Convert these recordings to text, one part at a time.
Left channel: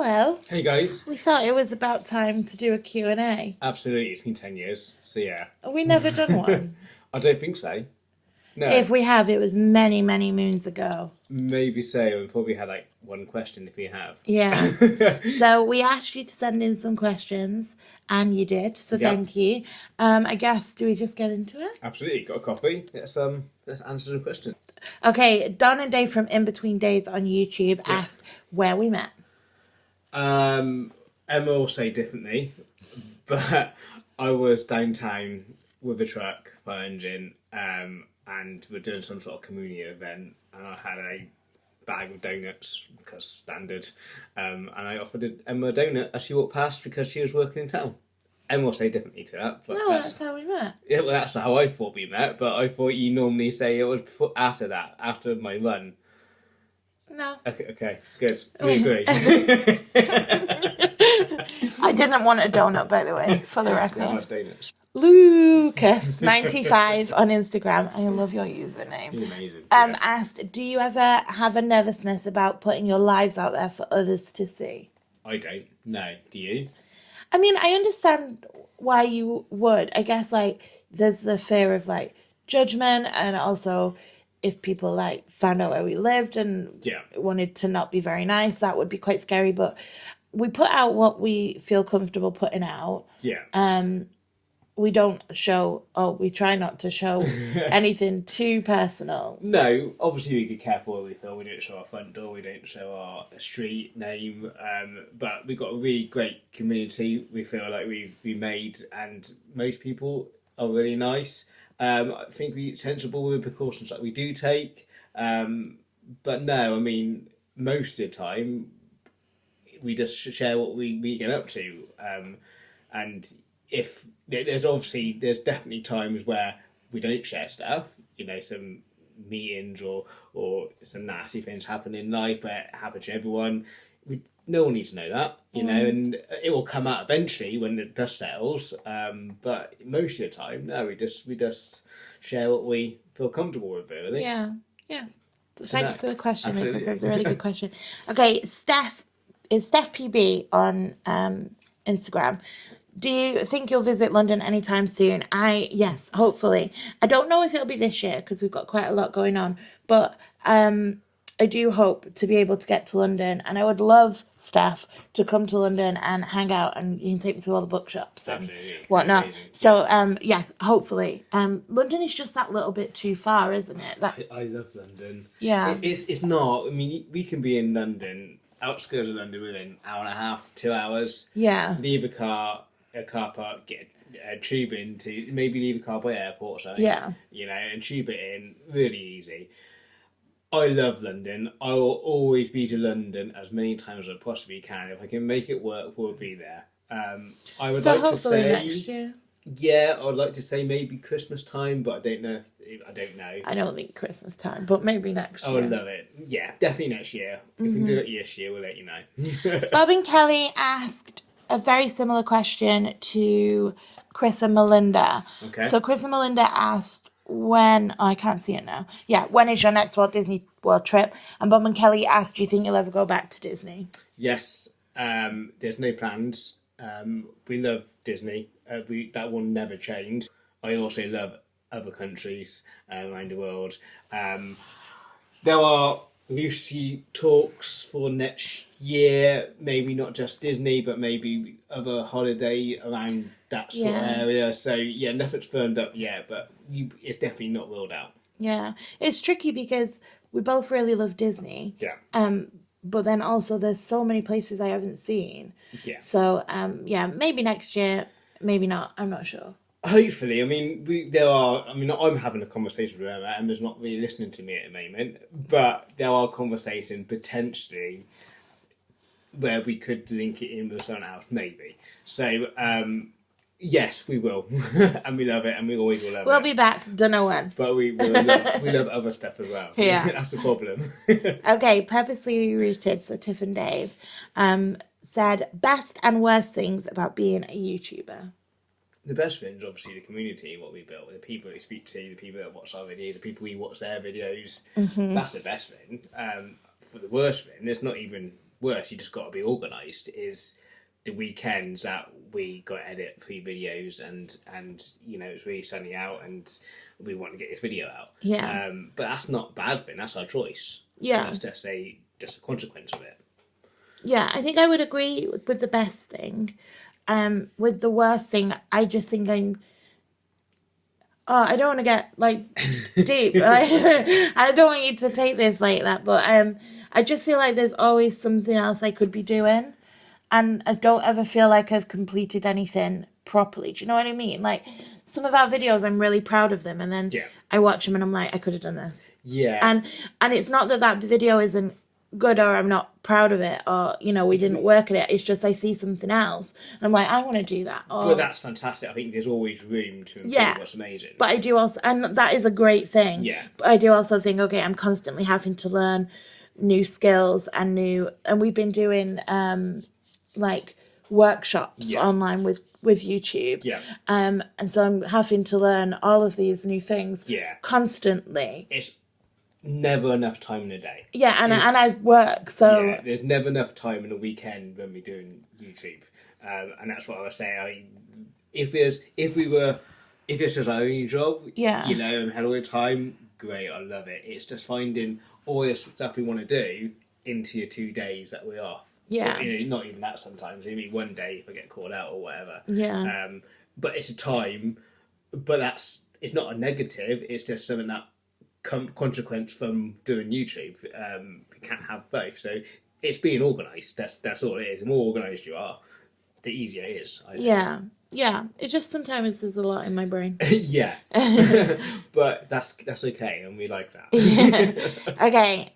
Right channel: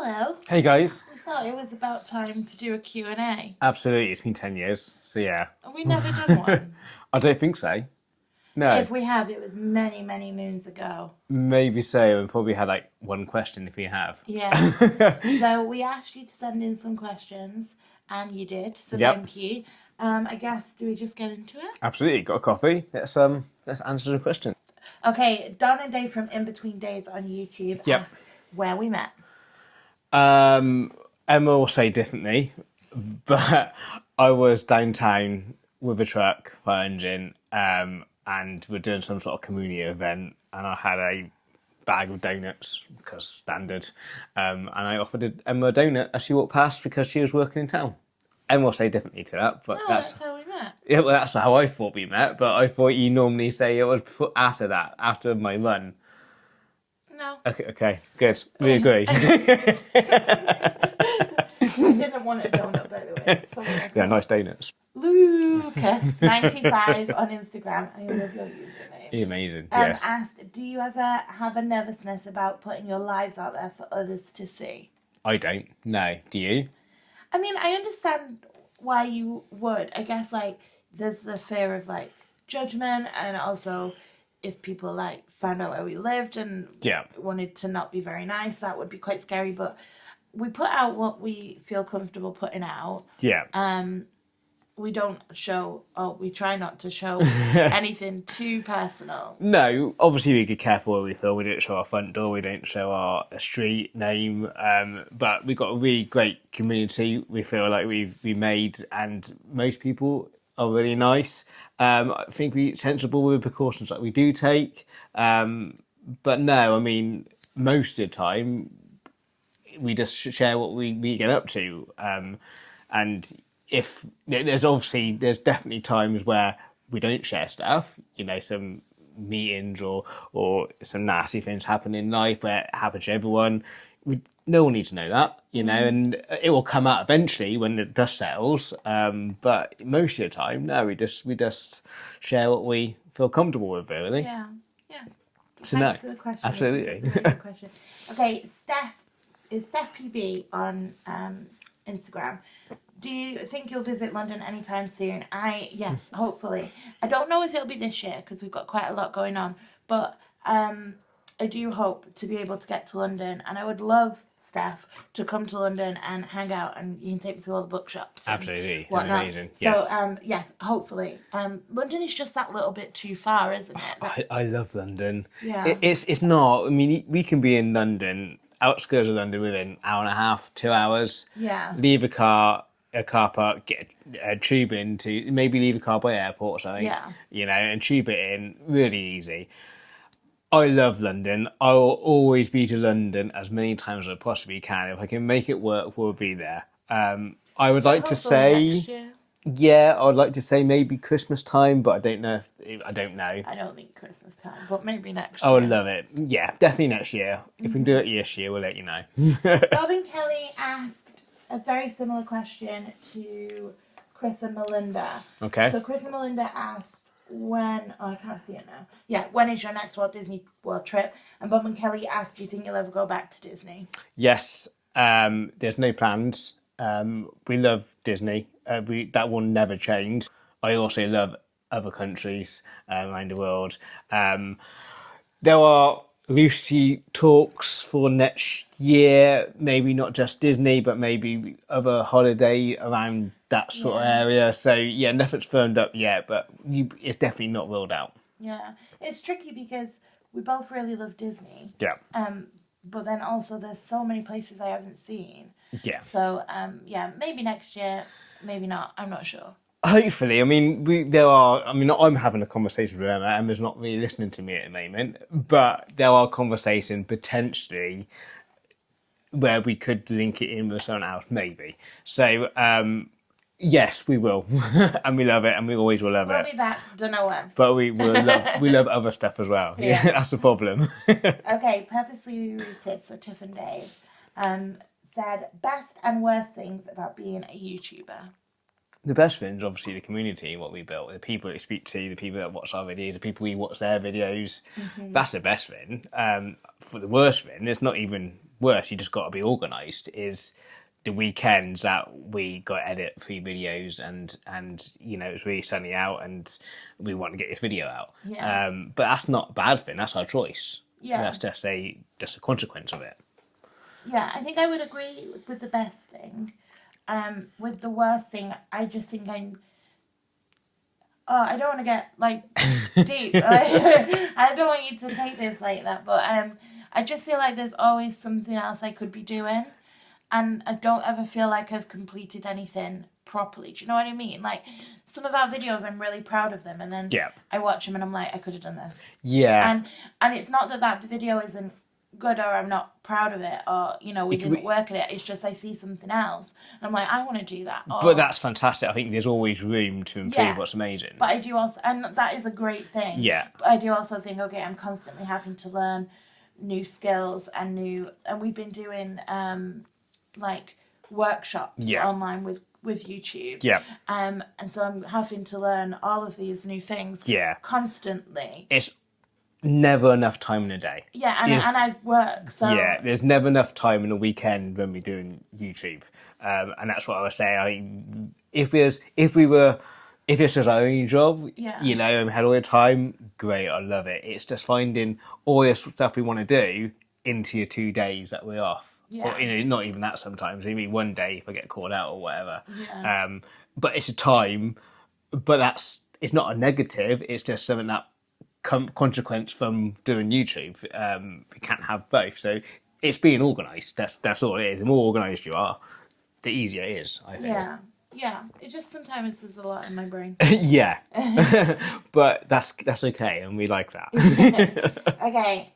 Hello. Hey guys. We thought it was about time to do a Q&A. Absolutely, it's been 10 years, so yeah. Have we never done one? I don't think so. No. If we have, it was many, many moons ago. Maybe so, and probably had like one question if we have. Yeah. So we asked you to send in some questions, and you did, so Yep. thank you. I guess, do we just get into it? Absolutely, got a coffee. Let's answer some questions. Okay, Don and Dave from In Between Days on YouTube asked where we met. Emma will say differently, but I was downtown with a truck, fire engine, and we're doing some sort of community event, and I had a bag of donuts, because standard, and I offered Emma a donut as she walked past because she was working in town. Emma will say differently to that, but that's how we met. Yeah, well, that's how I thought we met, but I thought you normally say it was after that, after my run. No. Okay, good. We agree. I didn't want a donut, by the way, for the record. Yeah, nice donuts. Lucas95 on Instagram, I love your username. You're amazing. Yes. Asked, do you ever have a nervousness about putting your lives out there for others to see? I don't. No. Do you? I mean, I understand why you would. I guess, like, there's the fear of, like, judgment, and also if people, like, found out where we lived and wanted to not be very nice, that would be quite scary. But we put out what we feel comfortable putting out. Yeah. We don't show, we try not to show anything too personal. No, obviously we get careful where we feel. We don't show our front door, we don't show our street name, but we've got a really great community we feel like we made, and most people are really nice. I think we're sensible with the precautions that we do take, but no, I mean, most of the time we just share what we get up to, and if there's definitely times where we don't share stuff, you know, some meetings or some nasty things happen in life where it happens to everyone. No one needs to know that, you know, and it will come out eventually when the dust settles. But most of the time, no, we just share what we feel comfortable with, really. Yeah. Thanks for the question. Absolutely. That's a really good question. Okay, Steph PB on Instagram. Do you think you'll visit London anytime soon? Yes, hopefully. I don't know if it'll be this year because we've got quite a lot going on, but I do hope to be able to get to London, and I would love Steph to come to London and hang out, and you can take me to all the bookshops and absolutely whatnot. Amazing. So yeah, hopefully. London is just that little bit too far, isn't it? I love London. Yeah. It's not. I mean, we can be in London, outskirts of London, within an hour and a half, 2 hours. Yeah. Leave a car park, get a tube into, maybe leave a car by the airport or something. Yeah. You know, and tube it in, really easy. I love London. I will always be to London as many times as I possibly can. If I can make it work, we'll be there. I would like to say, next year. Yeah, I'd like to say maybe Christmas time, but I don't know. I don't know. I don't think Christmas time, but maybe next year. I would love it. Yeah, definitely next year. If we can do it this year, we'll let you know. Bob and Kelly asked a very similar question to Chris and Melinda. Okay. So Chris and Melinda asked I can't see it now. Yeah, when is your next Walt Disney World trip? And Bob and Kelly asked, do you think you'll ever go back to Disney? Yes. There's no plans. We love Disney. That will never change. I also love other countries around the world. There are loosely talks for next year, maybe not just Disney, but maybe other holiday around that sort of area. So yeah, nothing's firmed up yet, but it's definitely not ruled out. Yeah, it's tricky because we both really love Disney. Yeah. But then also there's so many places I haven't seen. Yeah. So yeah, maybe next year, maybe not. I'm not sure. Hopefully, I mean, I'm having a conversation with Emma. Emma's not really listening to me at the moment, but there are conversations potentially where we could link it in with someone else, maybe. So, yes, we will, and we love it, and we always will love it. We'll be back, don't know when. But we love other stuff as well. Yeah. That's the problem. Okay, Purposely Rooted, so Tiff and Dave, said, best and worst things about being a YouTuber. The best thing is obviously the community, what we built, the people that we speak to, the people that watch our videos, the people we watch their videos. Mm-hmm. That's the best thing. For the worst thing, it's not even worse, you just got to be organised, is the weekends that we got to edit 3 videos and it's really sunny out and we want to get this video out. Yeah. But that's not a bad thing. That's our choice. Yeah. That's just a consequence of it. Yeah, I think I would agree with the best thing. With the worst thing, I just think I don't want to get like deep. I don't want you to take this like that, but I just feel like there's always something else I could be doing, and I don't ever feel like I've completed anything properly. Do you know what I mean? Like some of our videos, I'm really proud of them, and then I watch them and I'm like, I could have done this. Yeah. And it's not that video isn't good or I'm not proud of it or we didn't work at it. It's just I see something else and I'm like, I want to do that. But that's fantastic. I think there's always room to improve what's amazing. But I do also, and that is a great thing. Yeah. But I do also think, okay, I'm constantly having to learn new skills and we've been doing like workshops online with YouTube. Yeah. And so I'm having to learn all of these new things constantly. It's never enough time in a day. Yeah, and I've worked, so yeah, there's never enough time in a weekend when we're doing YouTube, and that's what I was saying. If this was our only job, and we had all the time, great, I love it. It's just finding all this stuff we want to do into your 2 days that we're off. Yeah, or, not even that sometimes. Maybe one day if I get caught out or whatever. Yeah. But it's a time, but it's not a negative. It's just something that consequence from doing YouTube. We can't have both, so it's being organised. That's all it is. The more organised you are, the easier it is, I think. Yeah. It just sometimes there's a lot in my brain. Yeah. But that's okay, and we like that. Okay.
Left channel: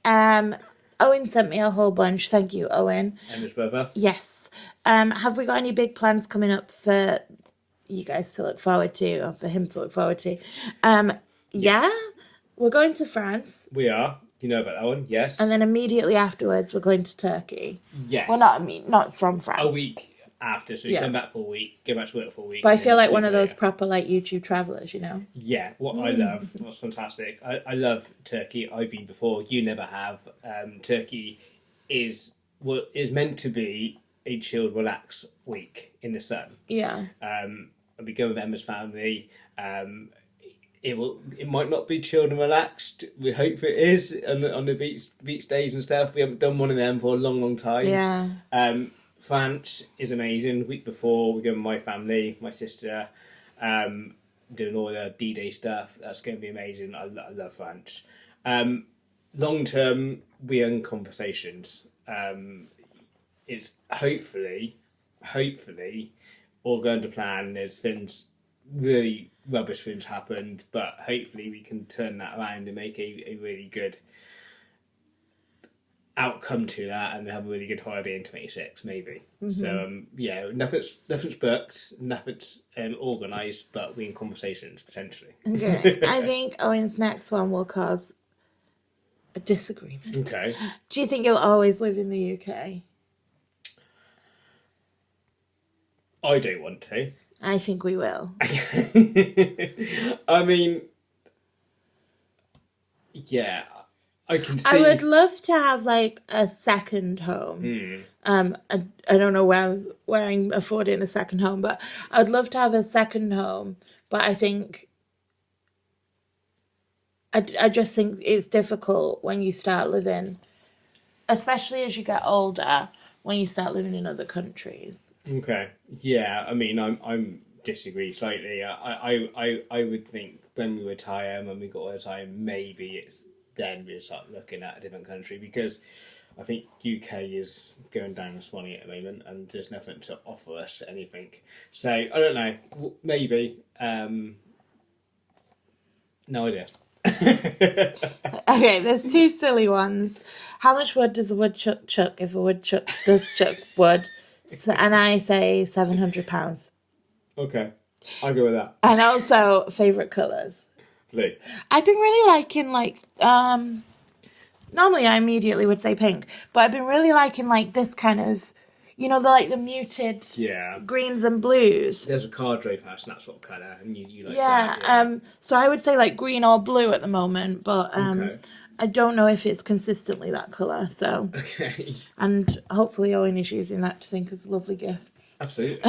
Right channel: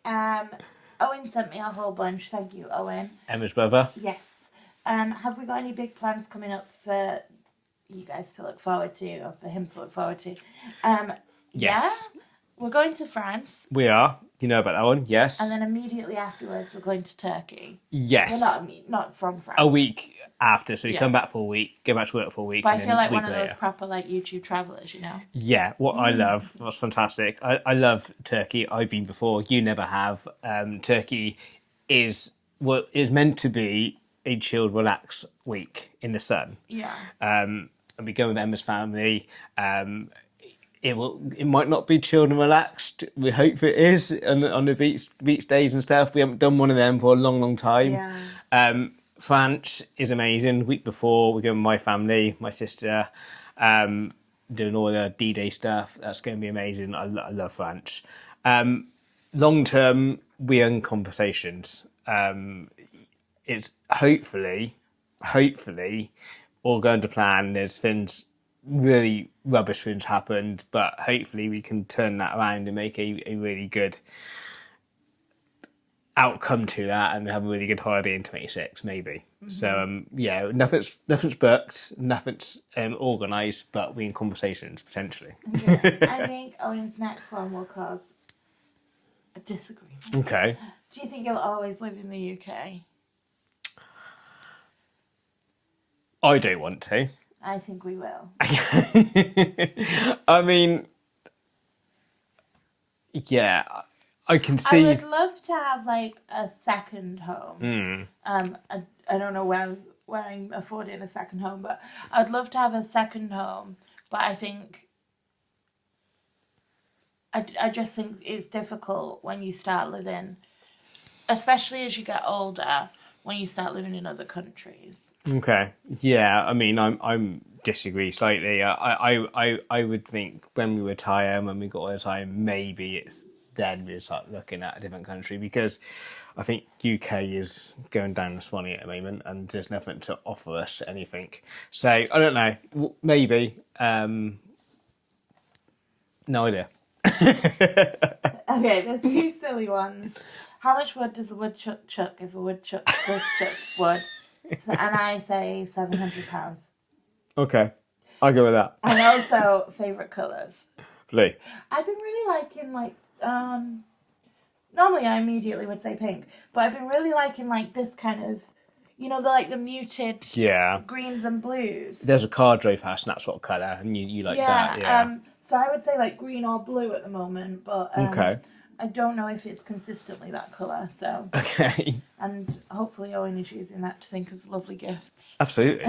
Owen sent me a whole bunch. Thank you, Owen. Emma's brother. Yes. Have we got any big plans coming up for you guys to look forward to, or for him to look forward to? Yes. Yeah. We're going to France. We are. You know about that one? Yes. And then immediately afterwards, we're going to Turkey. Yes. Well, not from France. A week after, so you come back for a week, go back to work for a week. But I feel like one of those proper like YouTube travelers, Yeah, what I love, what's fantastic. I love Turkey. I've been before. You never have. Turkey is what is meant to be a chilled, relaxed week in the sun. Yeah. And we go with Emma's family. It might not be chilled and relaxed. We hope it is on the beach days and stuff. We haven't done one of them for a long, long time. Yeah. France is amazing. Week before, we go with my family, my sister, doing all the D-Day stuff. That's going to be amazing. I love France. Long term, we're in conversations. It's hopefully all going to plan. There's things, really rubbish things happened, but hopefully we can turn that around and make a really good outcome to that and have a really good holiday in 26 maybe. So nothing's booked, nothing's organised, but we're in conversations potentially. Okay. I think Owen's next one will cause a disagreement. Okay. Do you think you'll always live in the UK? I don't want to. I think we will. I mean, yeah, I can see. I would love to have like a second home. I don't know where I'm affording a second home, but I'd love to have a second home. But I think I just think it's difficult when you start living, especially as you get older, when you start living in other countries. Okay. Yeah. I mean, I'm disagree slightly. I would think when we retire, when we got all the time, maybe it's then we start looking at a different country, because I think UK is going down the swanny at the moment, and there's nothing to offer us anything. So I don't know. Maybe. No idea. Okay, there's two silly ones. How much wood does a woodchuck chuck if a woodchuck does chuck wood? And I say £700. Okay, I'll go with that. And also, favourite colours. Blue. I've been really liking, like, normally I immediately would say pink, but I've been really liking, like, this kind of, the muted greens and blues. There's a car drove past, and that's what colour, and you like that. Yeah. So I would say, like, green or blue at the moment, but okay. I don't know if it's consistently that colour, so. Okay. And hopefully Owen is using that to think of lovely gifts. Absolutely.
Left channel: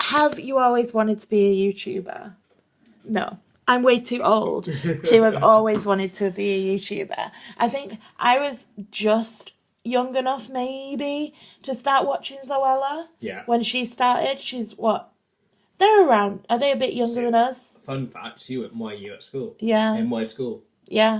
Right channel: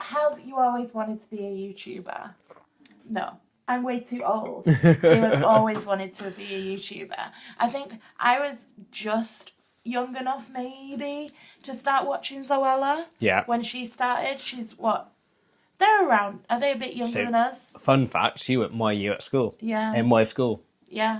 Have you always wanted to be a YouTuber? No. I'm way too old to have always wanted to be a YouTuber. I think I was just young enough, maybe, to start watching Zoella. Yeah. When she started, she's what? They're around. Are they a bit younger than us? Fun fact, she went my year at school. Yeah. In my school. Yeah.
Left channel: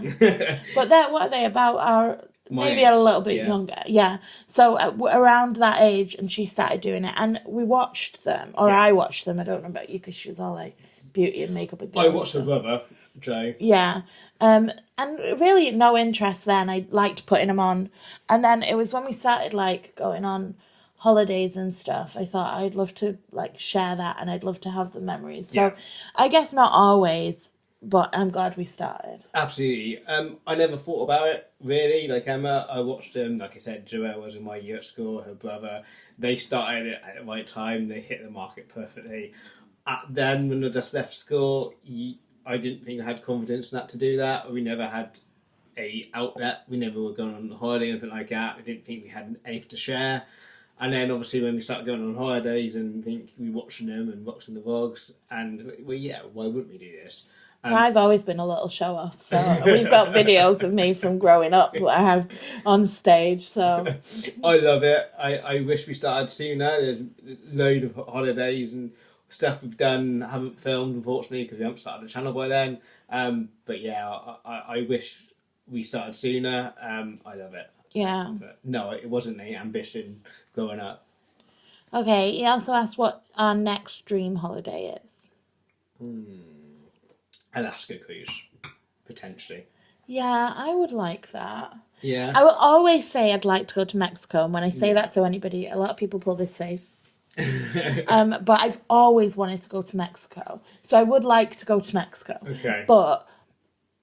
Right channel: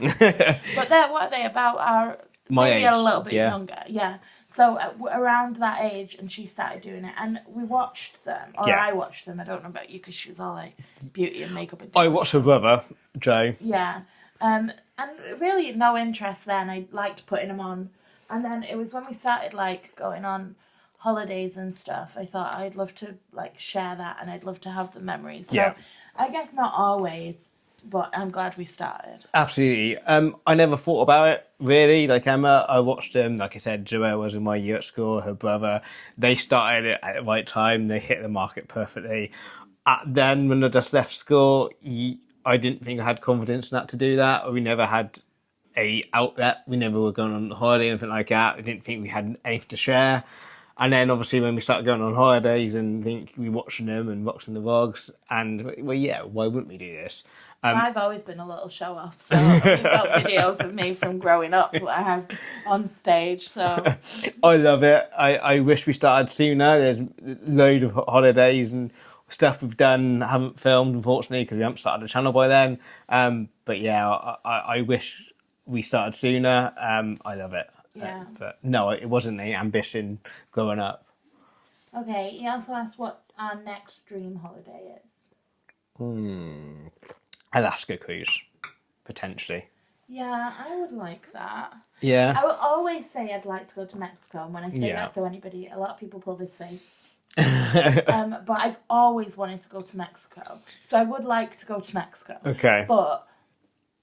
But what are they about? My Maybe age, a little bit yeah. younger. Yeah. So around that age, and she started doing it, and we watched them, or Yeah. I watched them. I don't know about you, because she was all like beauty and makeup. And I watched her brother, Joe. Yeah. And really no interest then. I liked putting them on. And then it was when we started like going on holidays and stuff, I thought I'd love to like share that, and I'd love to have the memories. So Yeah. I guess not always, but I'm glad we started. Absolutely. I never thought about it really. Like Emma, I watched them. Like I said, Joelle was in my year at school. Her brother, they started it at the right time. They hit the market perfectly. Then when I just left school, I didn't think I had confidence enough to do that. Or we never had a outlet. We never were going on holiday or anything like that. I didn't think we had anything to share. And then obviously when we started going on holidays and think we watching them and watching the vlogs, and well, yeah, why wouldn't we do this? I've always been a little show off, so we've got videos of me from growing up that I have on stage. So I love it. I wish we started sooner. There's loads of holidays and stuff we've done, haven't filmed unfortunately because we haven't started the channel by then. But yeah, I wish we started sooner. I love it. Yeah. But no, it wasn't an ambition growing up. Okay, he also asked what our next dream holiday is. Alaska cruise, potentially. Yeah, I would like that. Yeah. I will always say I'd like to go to Mexico, and when I say Yeah. that to anybody, a lot of people pull this face. But I've always wanted to go to Mexico, so I would like to go to Mexico. Okay. But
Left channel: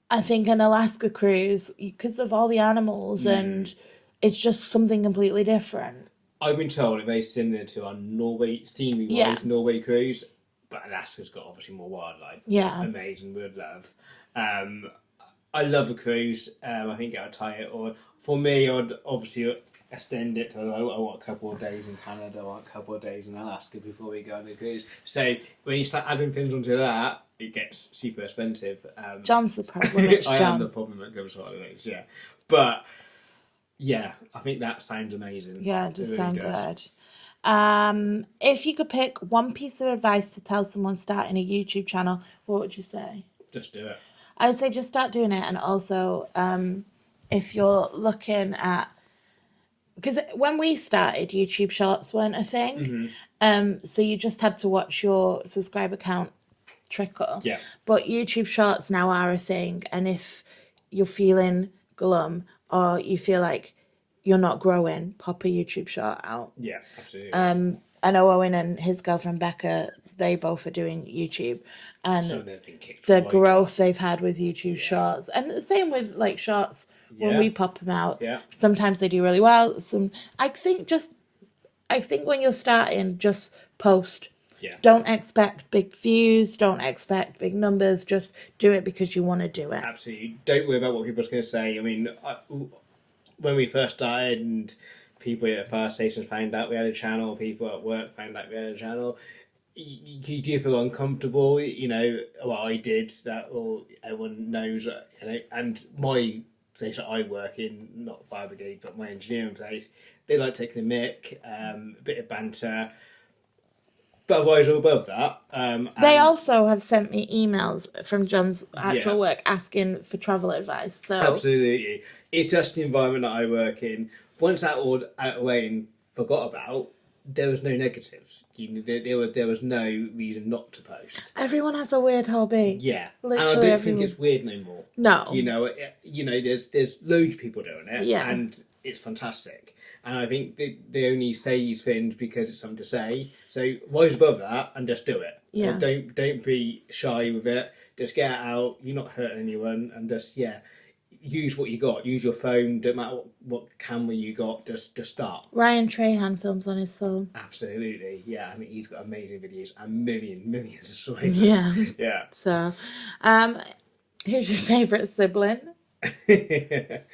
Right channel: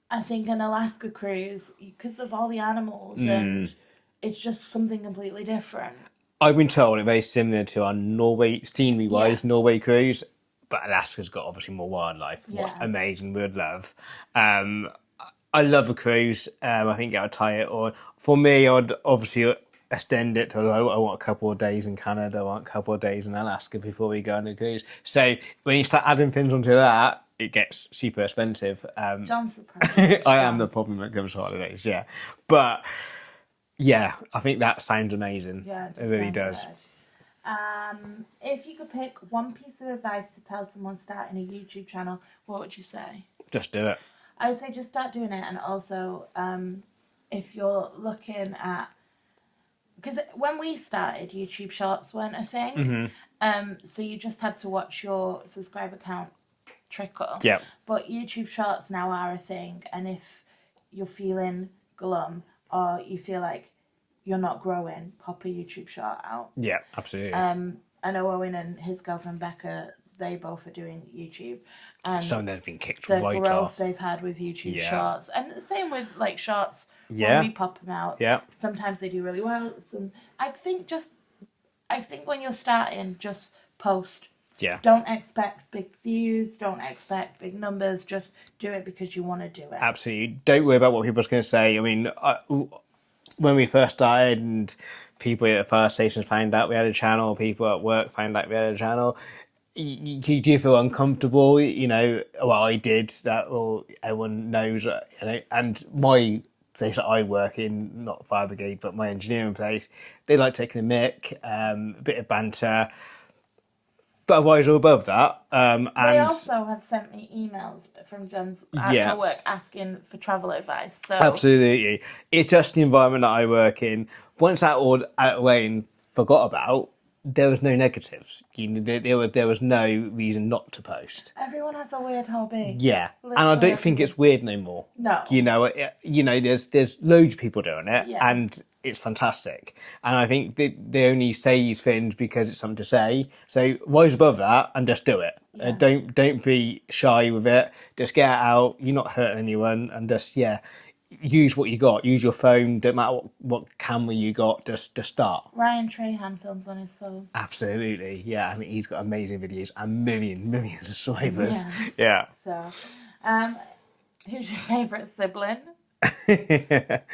I think an Alaska cruise, because of all the animals, and it's just something completely different. I've been told it's very similar to our Norway, scenery-wise, Norway cruise, but Alaska's got obviously more wildlife. Yeah. It's amazing, we'd love. I love a cruise. I think I would tie it on. For me, I'd obviously extend it to, I want a couple of days in Canada, I want a couple of days in Alaska before we go on a cruise. So when you start adding things onto that, it gets super expensive. John's the problem. I am the problem that comes to holidays, yeah. But yeah, I think that sounds amazing. Yeah, it does really sound does. good. If you could pick one piece of advice to tell someone starting a YouTube channel, what would you say? Just do it. I'd say just start doing it, and also if you're looking at, because when we started, YouTube Shorts weren't a thing, so you just had to watch your subscriber count trickle. Yeah. But YouTube Shorts now are a thing, and if you're feeling glum or you feel like you're not growing, pop a YouTube short out. Yeah, absolutely. I know Owen and his girlfriend Becca, they both are doing YouTube, and Some of them have been kicked the right growth off. they've had with YouTube Yeah. Shorts, and the same with like Shorts. Yeah. When we pop them out, Yeah. sometimes they do really well. I think when you're starting, just post. Yeah. Don't expect big views. Don't expect big numbers. Just do it because you want to do it. Absolutely. Don't worry about what people's going to say. I mean, when we first started and people at the fire stations found out we had a channel, people at work found out we had a channel, you do feel uncomfortable, you know. Well, I did that, or everyone knows, you know. And my place that I work in, not fire brigade, but my engineering place, they like taking the mick, a bit of banter. But otherwise, we're above that. They also have sent me emails from John's actual Yeah. work asking for travel advice. So Absolutely. It's just the environment that I work in. Once that all out of the way and forgot about, there was no negatives. There was no reason not to post. everyone has a weird hobby. Yeah, and Literally I don't think everyone. it's weird no more. No. You know, there's loads of people doing it, Yeah. and it's fantastic. And I think they only say these things because it's something to say. So rise above that and just do it. Yeah. Don't be shy with it. Just get it out. You're not hurting anyone, and just use what you got. Use your phone. Don't matter what camera you got. Just start. Ryan Trahan films on his phone. Absolutely, yeah. I mean, he's got amazing videos and millions of subscribers. Yeah. Yeah. So, Who's your favourite sibling?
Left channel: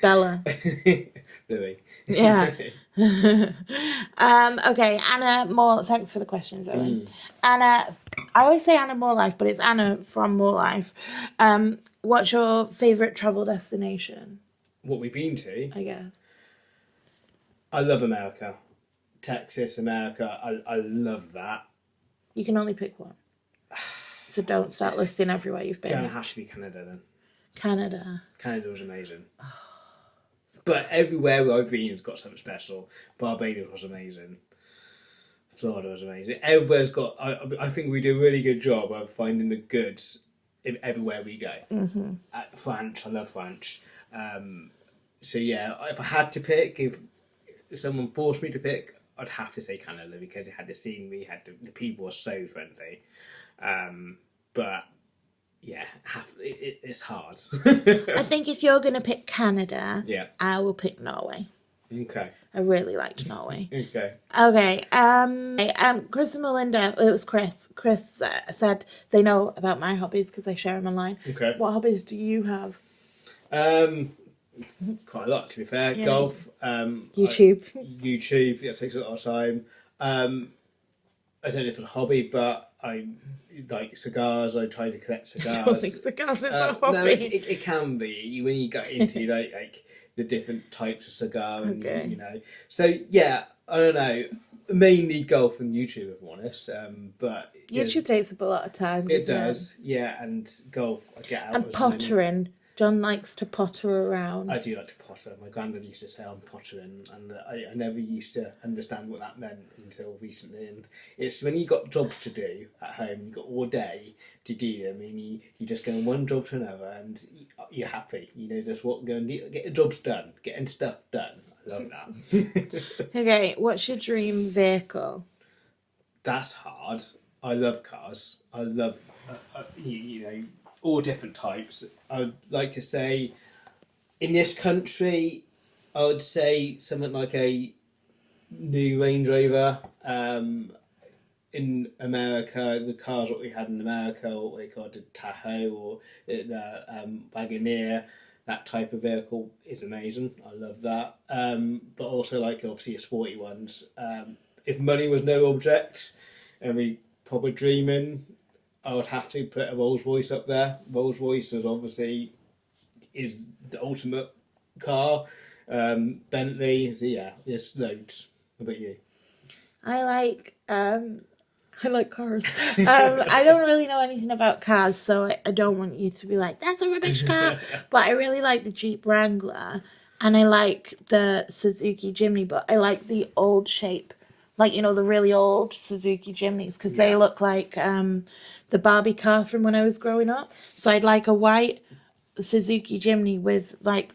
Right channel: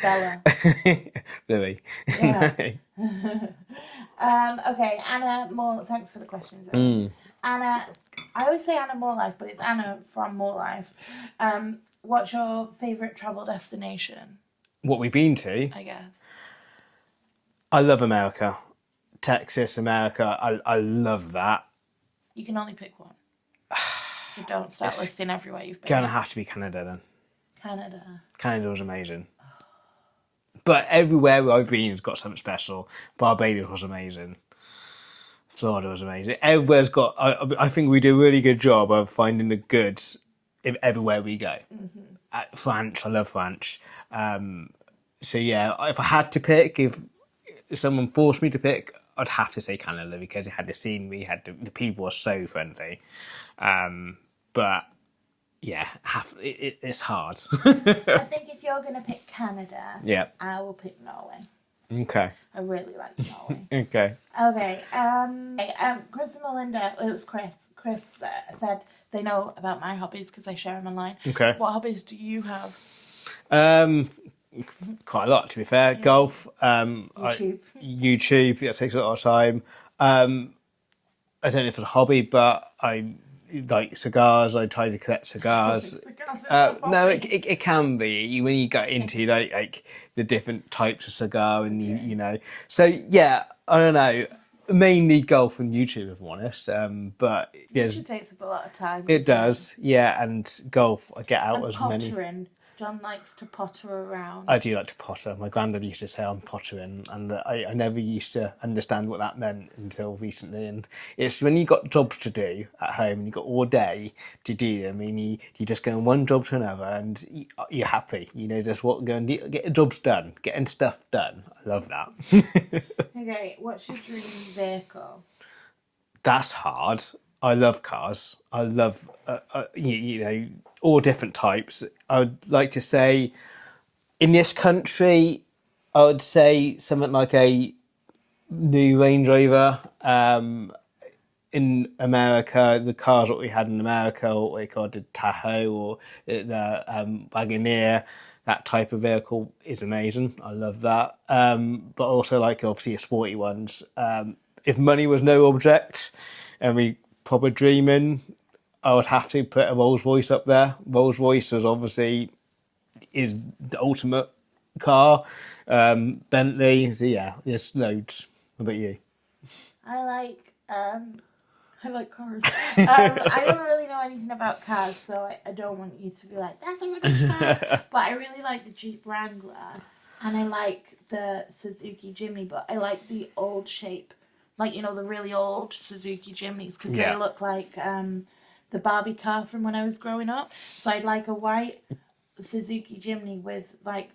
Bella. Louis. Yeah. Okay, Anna More. Thanks for the questions, Owen. Anna, I always say Anna More Life, but it's Anna from More Life. What's your favourite travel destination? What we've been to? I guess. I love America. Texas, America. I love that. You can only pick one. So don't start listing everywhere you've been. Gonna have to be Canada then. Canada. Canada was amazing. But everywhere I've been has got something special. Barbados was amazing. Florida was amazing. Everywhere's got. I think we do a really good job of finding the good everywhere we go. Mm-hmm. At France, I love France. So yeah, if I had to pick, if someone forced me to pick, I'd have to say Canada because it had the scenery, the people were so friendly. But yeah, it's hard. I think if you're going to pick Canada, Yeah. I will pick Norway. Okay. I really liked Norway. Okay. Okay. Chris and Melinda, it was Chris. Chris said they know about my hobbies because I share them online. Okay. What hobbies do you have? Quite a lot, to be fair. Yeah. Golf. YouTube. YouTube. That takes a lot of time. I don't know if it's a hobby, but I like cigars. I try to collect cigars. I don't think cigars is a hobby. No, it can be when you get into like the different types of cigar, and Okay. you know. So yeah, I don't know. Mainly golf and YouTube, if I'm honest. But YouTube takes up a lot of time. it does, yeah. And golf, I get out And as pottering. John likes to potter around. I do like to potter. My granddad used to say I'm pottering, and I never used to understand what that meant until recently. And it's when you got jobs to do at home and you got all day to do them, and you just go from one job to another, and you're happy. You know, just go and get the jobs done, getting stuff done. I love that. Okay, what's your dream vehicle? That's hard. I love cars. I love you know, all different types. I would like to say, in this country, I would say something like a new Range Rover. In America, the cars that we had in America, what we called the Tahoe or the Wagoneer, that type of vehicle is amazing. I love that. But also like obviously the sporty ones. If money was no object, and we proper dreaming, I would have to put a Rolls Royce up there. Rolls Royce is obviously the ultimate car. Bentley, so yeah, there's loads. What about you? I like cars. I don't really know anything about cars, so I don't want you to be like, that's a rubbish car. But I really like the Jeep Wrangler, and I like the Suzuki Jimny, but I like the old shape. Like, you know, the really old Suzuki Jimneys, because they look like the Barbie car from when I was growing up. So I'd like a white Suzuki Jimny with, like,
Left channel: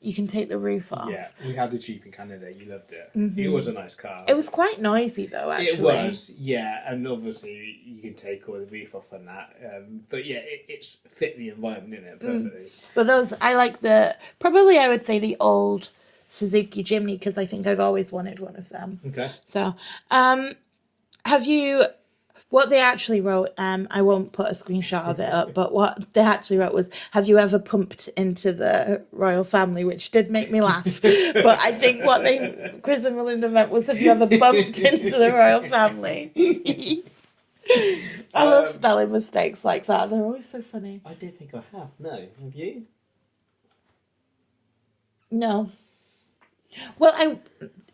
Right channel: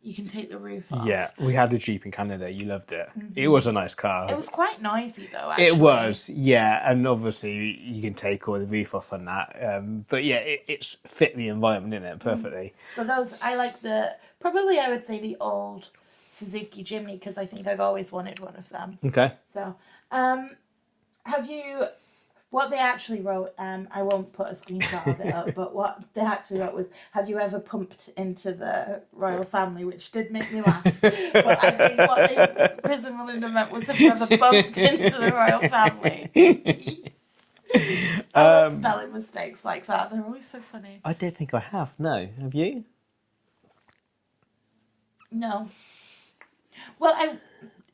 you can take the roof off. Yeah, we had a Jeep in Canada. You loved it. Mm-hmm. It was a nice car. It was quite noisy, though, actually. It was, yeah. And obviously, you can take all the roof off on that. But yeah, it's fit the environment, in it perfectly. But those, I like probably I would say the old Suzuki Jimny, because I think I've always wanted one of them. Okay. So, what they actually wrote, I won't put a screenshot of it up, but what they actually wrote was, have you ever pumped into the royal family, which did make me laugh. But I think what Chris and Melinda meant was, have you ever bumped into the royal family? I love spelling mistakes like that. They're always so funny. I don't think I have. No. Have you? No. Well,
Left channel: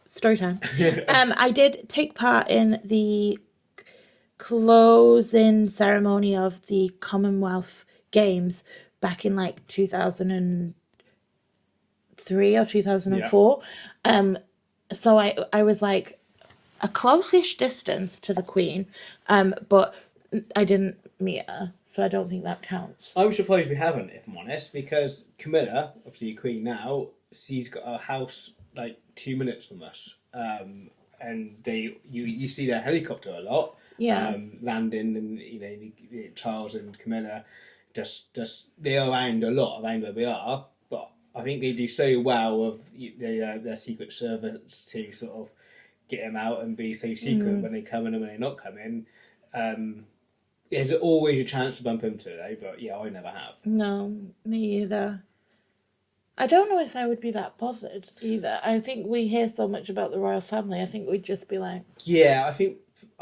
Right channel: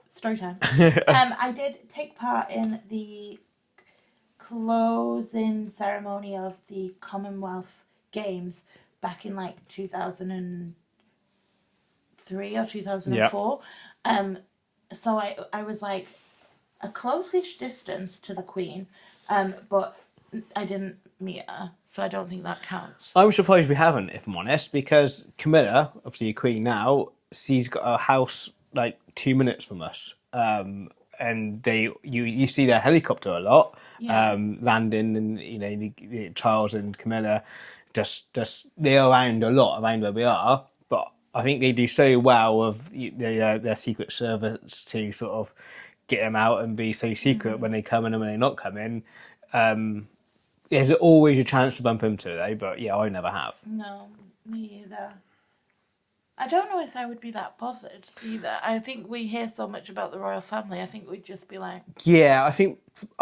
story time. I did take part in the closing ceremony of the Commonwealth Games back in like 2003 or 2004. So I was like a close-ish distance to the Queen, but I didn't meet her, so I don't think that counts. I'm surprised we haven't, if I'm honest, because Camilla, obviously Queen now, she's got a house like 2 minutes from us. And you see their helicopter a lot, landing, and you know Charles and Camilla, just they're around a lot around where we are. But I think they do so well with their Secret Service to sort of get them out and be so secret when they come in and when they're not coming. there's always a chance to bump into though, but yeah, I never have. No, me either. I don't know if I would be that bothered either. I think we hear so much about the royal family. I think we'd just be like, Yeah, I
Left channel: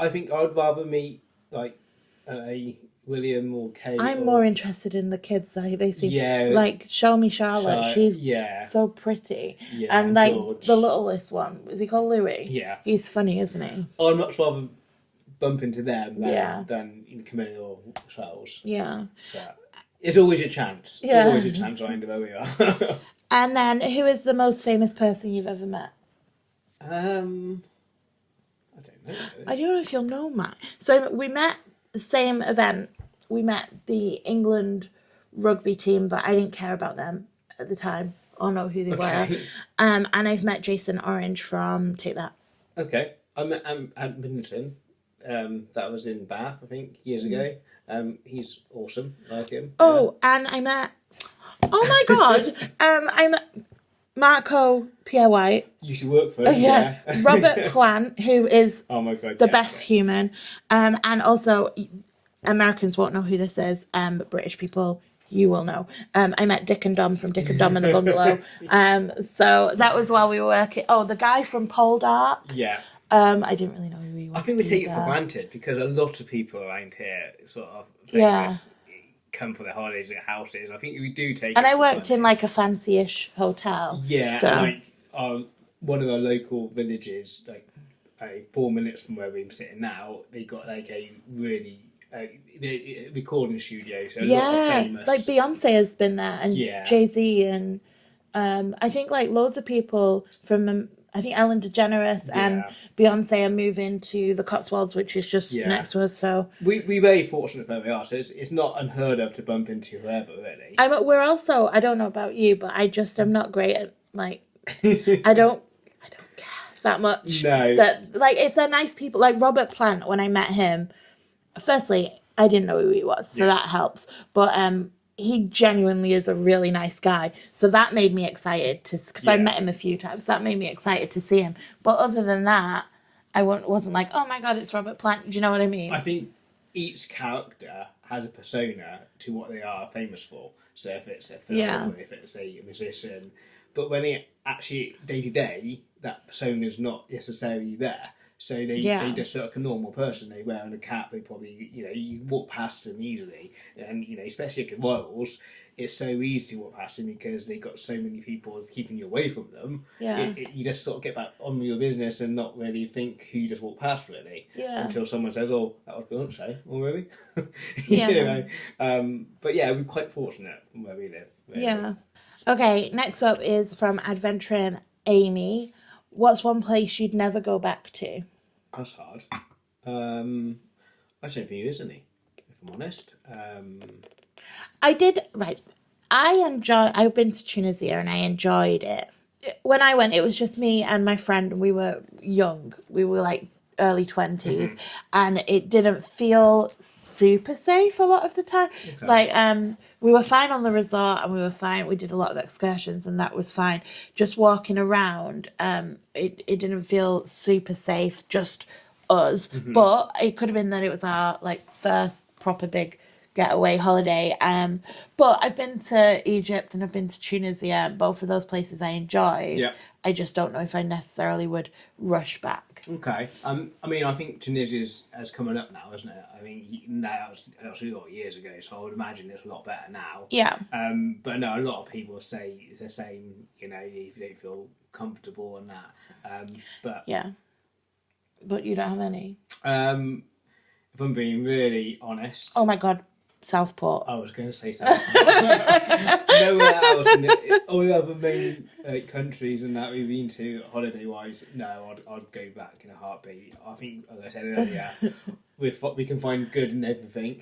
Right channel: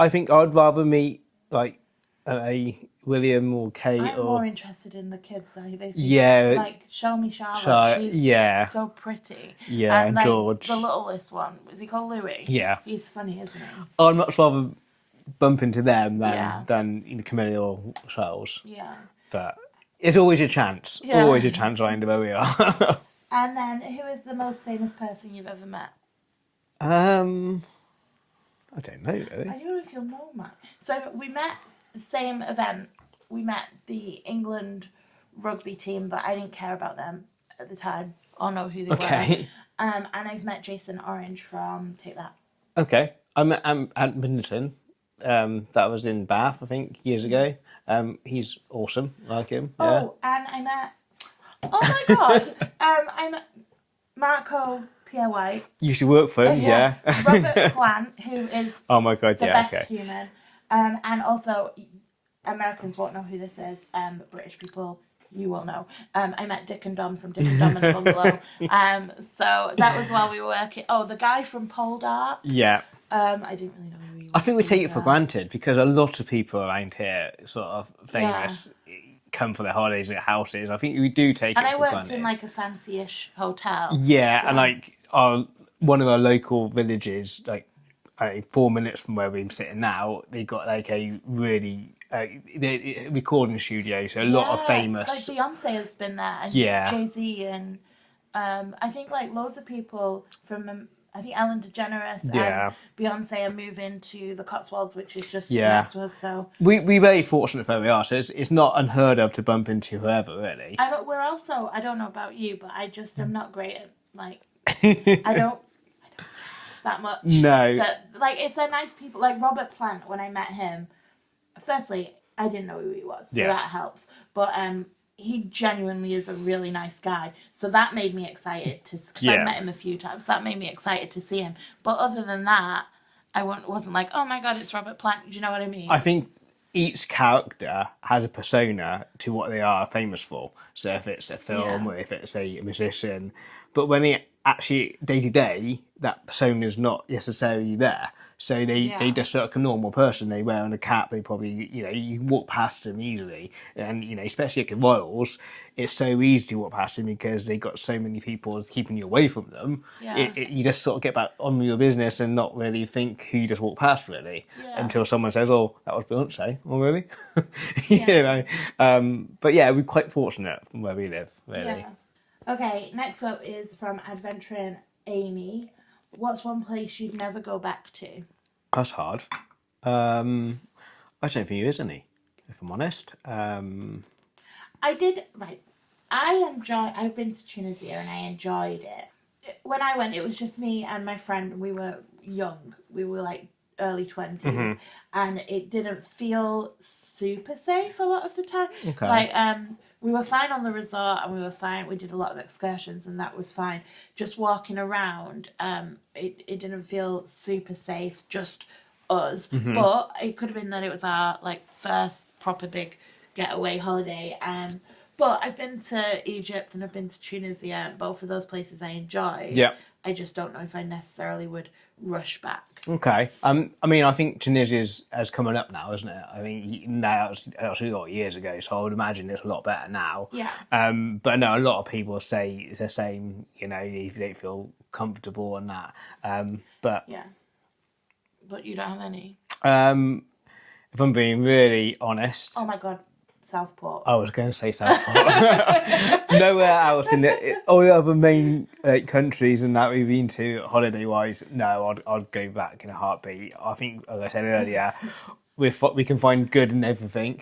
think I'd rather meet like a William or Kate. I'm more interested in the kids that they see. Yeah, like show me Charlotte. She's yeah, so pretty. yeah, and like George. the littlest one, is he called Louis? Yeah, he's funny, isn't he? I'd much rather bump into them Yeah. than Camilla or Charles. Yeah. But it's always a chance. Yeah. Always a chance I know where we are. And then, who is the most famous person you've ever met? I don't know. Really. I don't know if you'll know, Matt. So we met the same event. We met the England rugby team, but I didn't care about them at the time or know who they were. And I've met Jason Orange from Take That. Okay. I met at Middleton. That was in Bath, I think, years ago. He's awesome. I like him. Oh, and I met... Oh my God. I met Marco Pierre White. You should work for him, yeah. Robert Plant, who is oh my God, the best human. And also, Americans won't know who this is, but British people, you will know. I met Dick and Dom from Dick and Dom in a Bungalow. So that was while we were working. Oh, the guy from Pole Dark. Yeah. I didn't really know who he was. I think we take it for granted because a lot of people around here sort of famous come for their holidays at houses. I think we do take and it I for worked granted. in like a fancy-ish hotel. Yeah, so. and like one of our local villages, like 4 minutes from where we're sitting now, they got like a really recording studio, so a lot of famous. Like Beyonce has been there, and Jay-Z, and I think like loads of people from I think Ellen DeGeneres and Beyonce are moving to the Cotswolds, which is just next to us. So we're very fortunate where we are. So it's not unheard of to bump into whoever, really. We're also, I don't know about you, but I just am not great at like I don't care that much. No. That like if they're nice people, like Robert Plant, when I met him, firstly I didn't know who he was, so that helps. But he genuinely is a really nice guy. So that made me excited because I met him a few times. That made me excited to see him. But other than that, I wasn't like, oh my God, it's Robert Plant. Do you know what I mean? I think each character has a persona to what they are famous for. So if it's a film or if it's a musician. But when it actually, day to day, that persona is not necessarily there. So they just look like a normal person. They wear a cap. They probably, you walk past them easily. And, especially at the Royals, it's so easy to walk past them because they got so many people keeping you away from them. Yeah. You just sort of get back on with your business and not really think who you just walked past, really. Yeah. Until someone says, oh, that was Beyonce. Oh, really? Yeah. But yeah, we're quite fortunate from where we live, really. Yeah. Okay, next up is from Adventuring Amy. What's one place you'd never go back to? That's hard. I don't think there is any, if I'm honest. I've been to Tunisia and I enjoyed it. When I went, it was just me and my friend. We were young. We were like early 20s. And it didn't feel super safe a lot of the time. Okay. Like, we were fine on the resort and we were fine. We did a lot of excursions and that was fine. Just walking around, it didn't feel super safe, just us. But it could have been that it was our like first proper big getaway holiday. But I've been to Egypt and I've been to Tunisia. Both of those places I enjoyed. Yeah. I just don't know if I necessarily would rush back. Okay. I mean, I think Tunisia has coming up now, isn't it? I mean, now it's actually a lot of years ago, so I would imagine it's a lot better now. Yeah. But no, a lot of people say it's the same. If they don't feel comfortable and that. But yeah. But you don't have any. If I'm being really honest. Oh my God. Southport. I was going to say Southport. Nowhere else in all the other main countries and that we've been to holiday-wise, no, I'd go back in a heartbeat. I think, as I said earlier, we can find good in everything,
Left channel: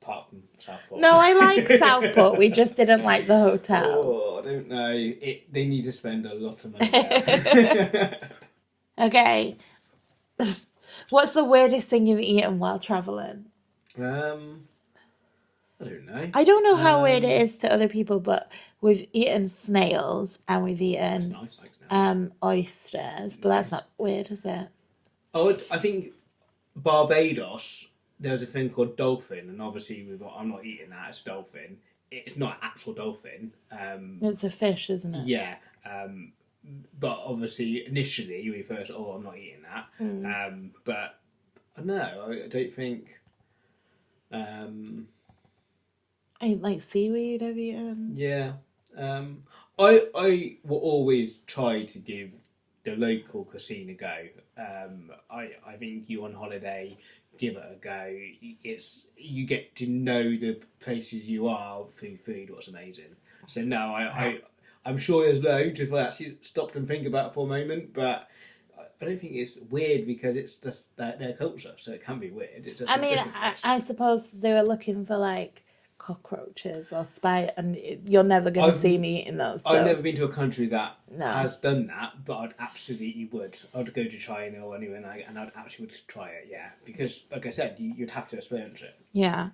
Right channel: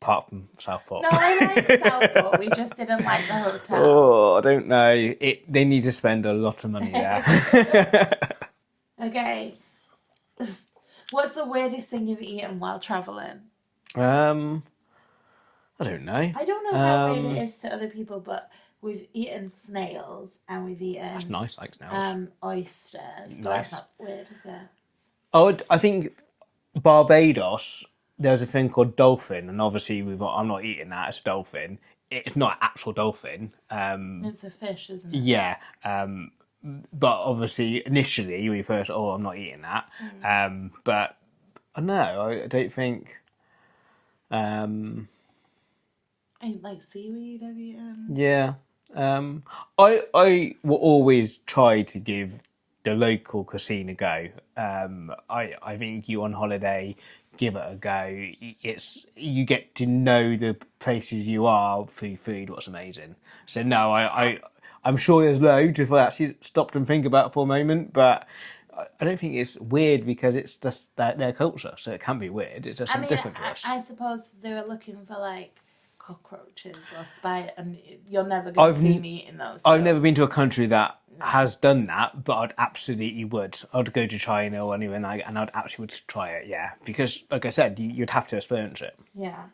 apart from Southport. No, I like Southport. We just didn't like the hotel. Oh, I don't know. They need to spend a lot of money there. Okay. What's the weirdest thing you've eaten while travelling? I don't know. I don't know how weird it is to other people, but we've eaten snails and we've eaten that's nice, like snails. Oysters, but that's not weird, is it? I think Barbados there's a thing called dolphin, and obviously I'm not eating that. It's a dolphin. It's not an actual dolphin. It's a fish, isn't it? Yeah. But obviously, initially, we first, I'm not eating that. But no, I don't think. Ain't like seaweed, have you? Yeah. I will always try to give the local cuisine a go. I think you on holiday, give it a go. It's you get to know the places you are through food. What's amazing. So no, I'm sure there's loads if I actually stopped and think about it for a moment, but I don't think it's weird because it's just their culture, so it can be weird. It's just different to us. I suppose they were looking for like cockroaches or spider, and you're never going to see me eating those. So. I've never been to a country that has done that, but I'd absolutely would. I'd go to China or anywhere like, and I'd actually would try it, yeah. Because, like I said, you'd have to experience it. Yeah.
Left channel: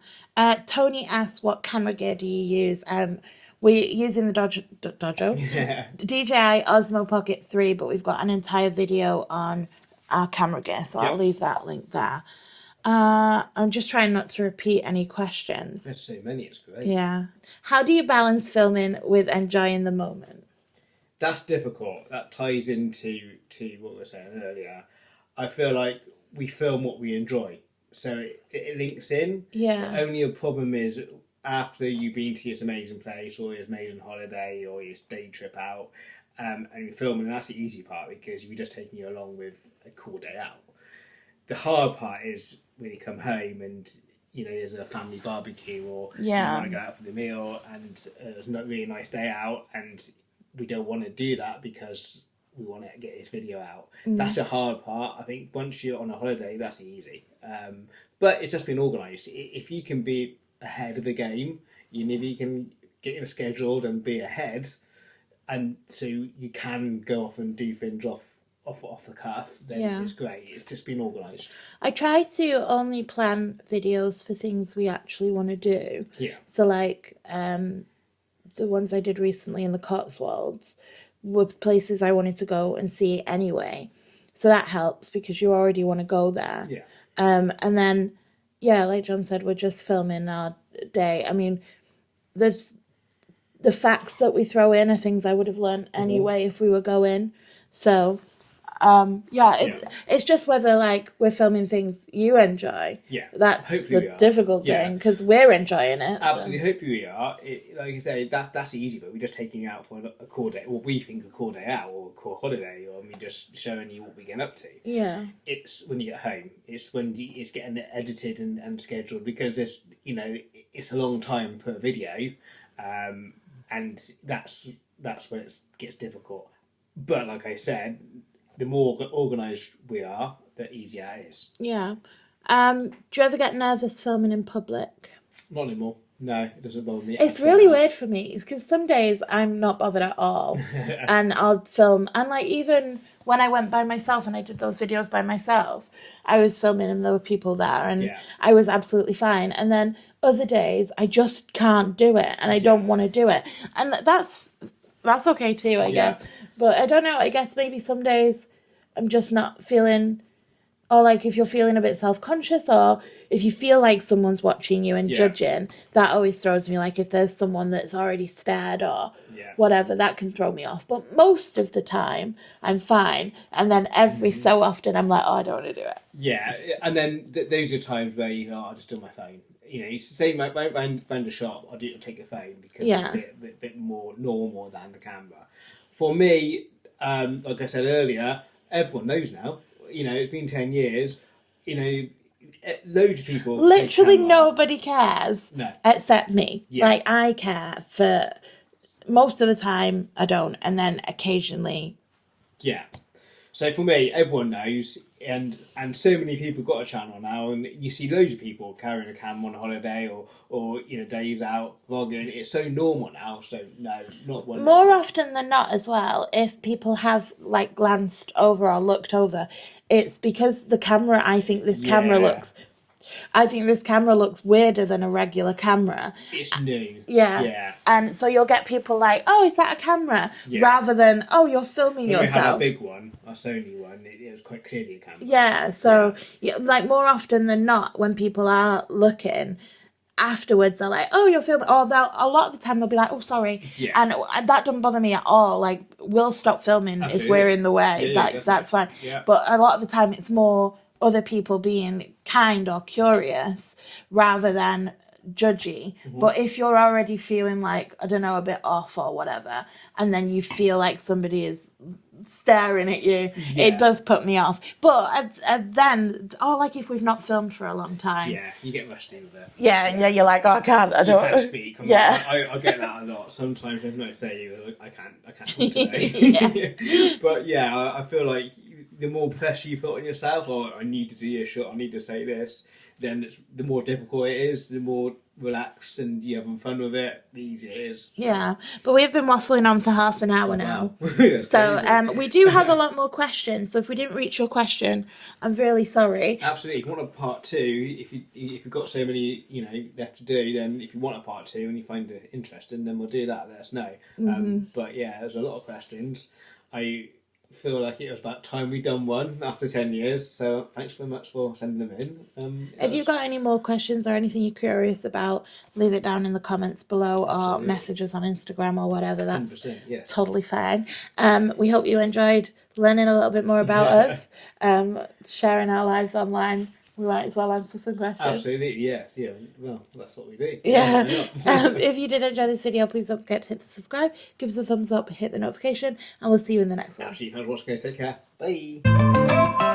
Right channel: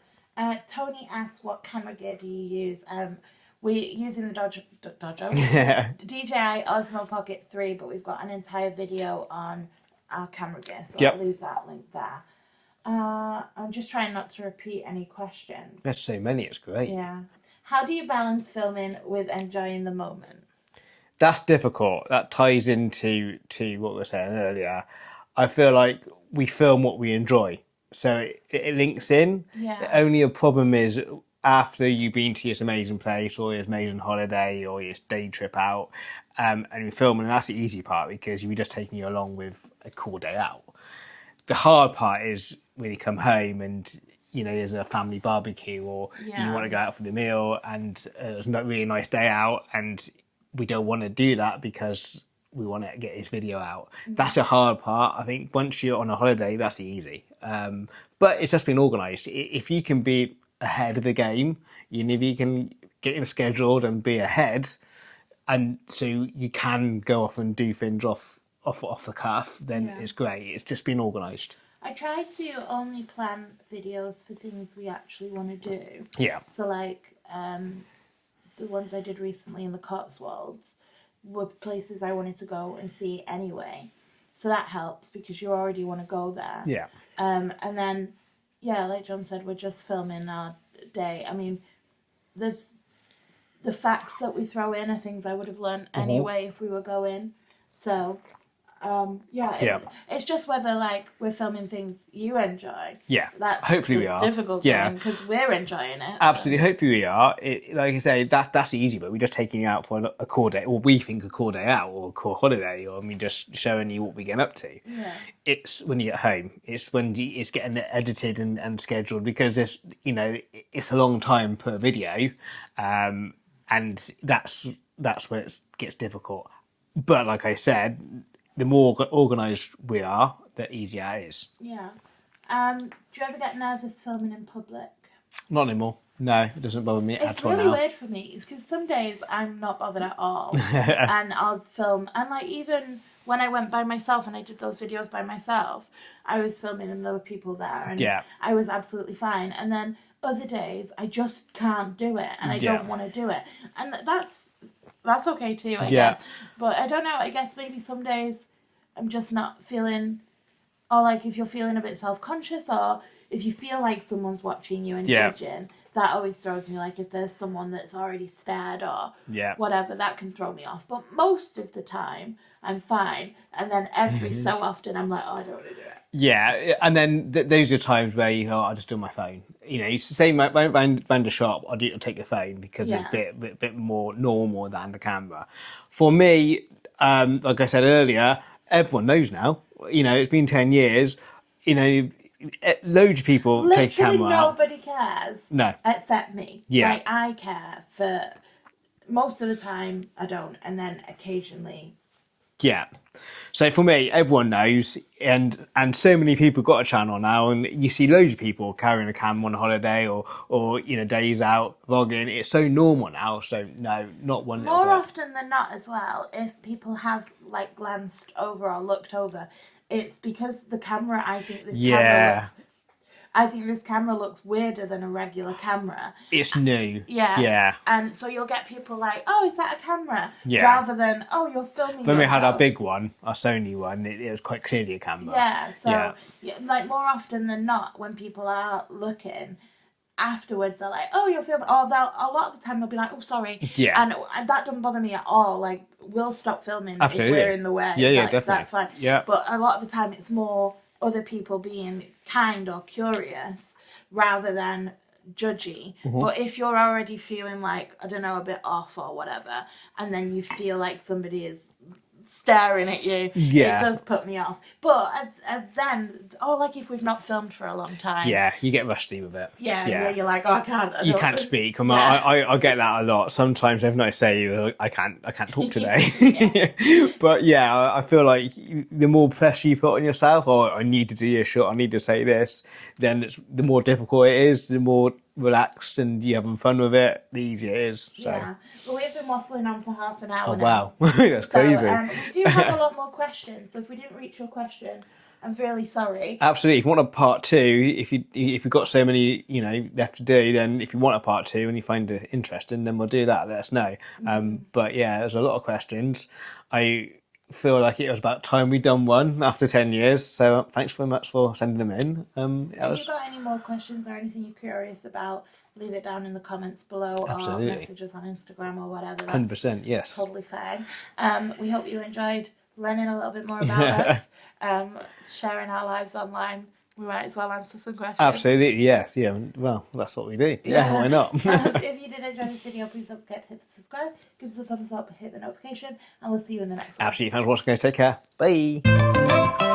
Tony asked, what camera gear do you use? We're using the DJI Osmo Pocket 3, but we've got an entire video on our camera gear, so I'll leave that link there. I'm just trying not to repeat any questions. There's so many, it's great. Yeah. How do you balance filming with enjoying the moment? That's difficult. That ties into what we were saying earlier. I feel like we film what we enjoy, so it links in. Yeah. The only problem is after you've been to this amazing place or this amazing holiday or this day trip out, and you're filming, and that's the easy part because you're just taking you along with a cool day out. The hard part is when you come home and there's a family barbecue or you want to go out for the meal and it's not really nice day out and we don't want to do that because we want to get this video out. That's a hard part. I think once you're on a holiday, that's easy. But it's just been organised. If you can be ahead of the game, if you can get it scheduled and be ahead, and so you can go off and do things off the cuff, then it's great. It's just been organised. I try to only plan videos for things we actually want to do. Yeah. So like the ones I did recently in the Cotswolds were places I wanted to go and see anyway. So that helps because you already want to go there. Yeah. And then, like John said, we're just filming our day. I mean, the facts that we throw in are things I would have learned anyway if we were going. So... it's just whether like we're filming things you enjoy. Yeah, that's hopefully the we are. difficult thing because we're enjoying it. Absolutely, hopefully we are. Like I say, that's easy, but we're just taking you out for a core day, or we think a core day out, or a core holiday, or just showing you what we get up to. Yeah, it's when you get home. It's when it's getting edited and scheduled because there's it's a long time per video, and that's when it gets difficult. But like I said, the more organised we are, the easier it is. Yeah. Do you ever get nervous filming in public? Not anymore. No, it doesn't bother me. It's really weird for me because some days I'm not bothered at all, and I'll film. And like even when I went by myself and I did those videos by myself, I was filming and there were people there, and I was absolutely fine. And then other days I just can't do it, and I don't want to do it, and that's okay too, I guess. But I don't know, I guess maybe some days I'm just not feeling, or like if you're feeling a bit self-conscious, or if you feel like someone's watching you and judging, that always throws me. Like if there's someone that's already stared or whatever, that can throw me off. But most of the time I'm fine. And then every so often I'm like, I don't want to do it. Yeah, and then those are times where, I'll just do my phone. It's the same like round the shop, I'll take the phone because it's a bit more normal than the camera. For me, like I said earlier, everyone knows now. It's been 10 years. Loads of people take camera. Literally nobody cares. No. Except me. Yeah. Like, I care for most of the time, I don't. And then occasionally. Yeah. So for me, everyone knows, and so many people got a channel now, and you see loads of people carrying a camera on holiday or days out vlogging. It's so normal now. So no, not one. More often than not, as well, if people have like glanced over or looked over, it's because the camera. I think this camera looks I think this camera looks weirder than a regular camera. It's new. Yeah. Yeah. And so you'll get people like, oh, is that a camera? Yeah. Rather than, oh, you're filming When yourself. we had our big one, our Sony one, it was quite clearly a camera. Yeah. So, like, more often than not, when people are looking, afterwards they're like, oh, you're filming, or a lot of the time they'll be like, oh, sorry. Yeah. And that doesn't bother me at all. Like, we'll stop filming if we're in the way. Yeah, that's fine. Yeah. But a lot of the time it's more other people being kind or curious rather than judgy. But if you're already feeling like, I don't know, a bit off or whatever, and then you feel like somebody is staring at you, it does put me off. But then, like if we've not filmed for a long time, you get rusty with it. Yeah, you're like, oh, I can't. You can't speak. I get that a lot. Sometimes if I say I can't talk today. But I feel like the more pressure you put on yourself, or I need to do your shot, I need to say this, then the more difficult it is, the more relaxed and you're having fun with it, the easier it is. So. Yeah, but we've been waffling on for half an hour now. Wow. So we do have a lot more questions. So if we didn't reach your question, I'm really sorry. Absolutely. If you want a part 2, if you've got so many left to do, then if you want a part 2 and you find it interesting, then we'll do that. Let us know. But there's a lot of questions. I feel like it was about time we'd done one after 10 years. So thanks very much for sending them in. If you've got any more questions or anything you're curious about, leave it down in the comments below. Absolutely. Or message us on Instagram or whatever. That's 100%, yes. Totally fine. We hope you enjoyed learning a little bit more about us, sharing our lives online. We might as well answer some questions. Absolutely, yes. Yeah, well, that's what we do. Yeah, why not? If you did enjoy this video, please don't forget to hit the subscribe, give us a thumbs up, hit the notification, and we'll see you in the next one. Absolutely. Thanks for watching, guys. Take care. Bye.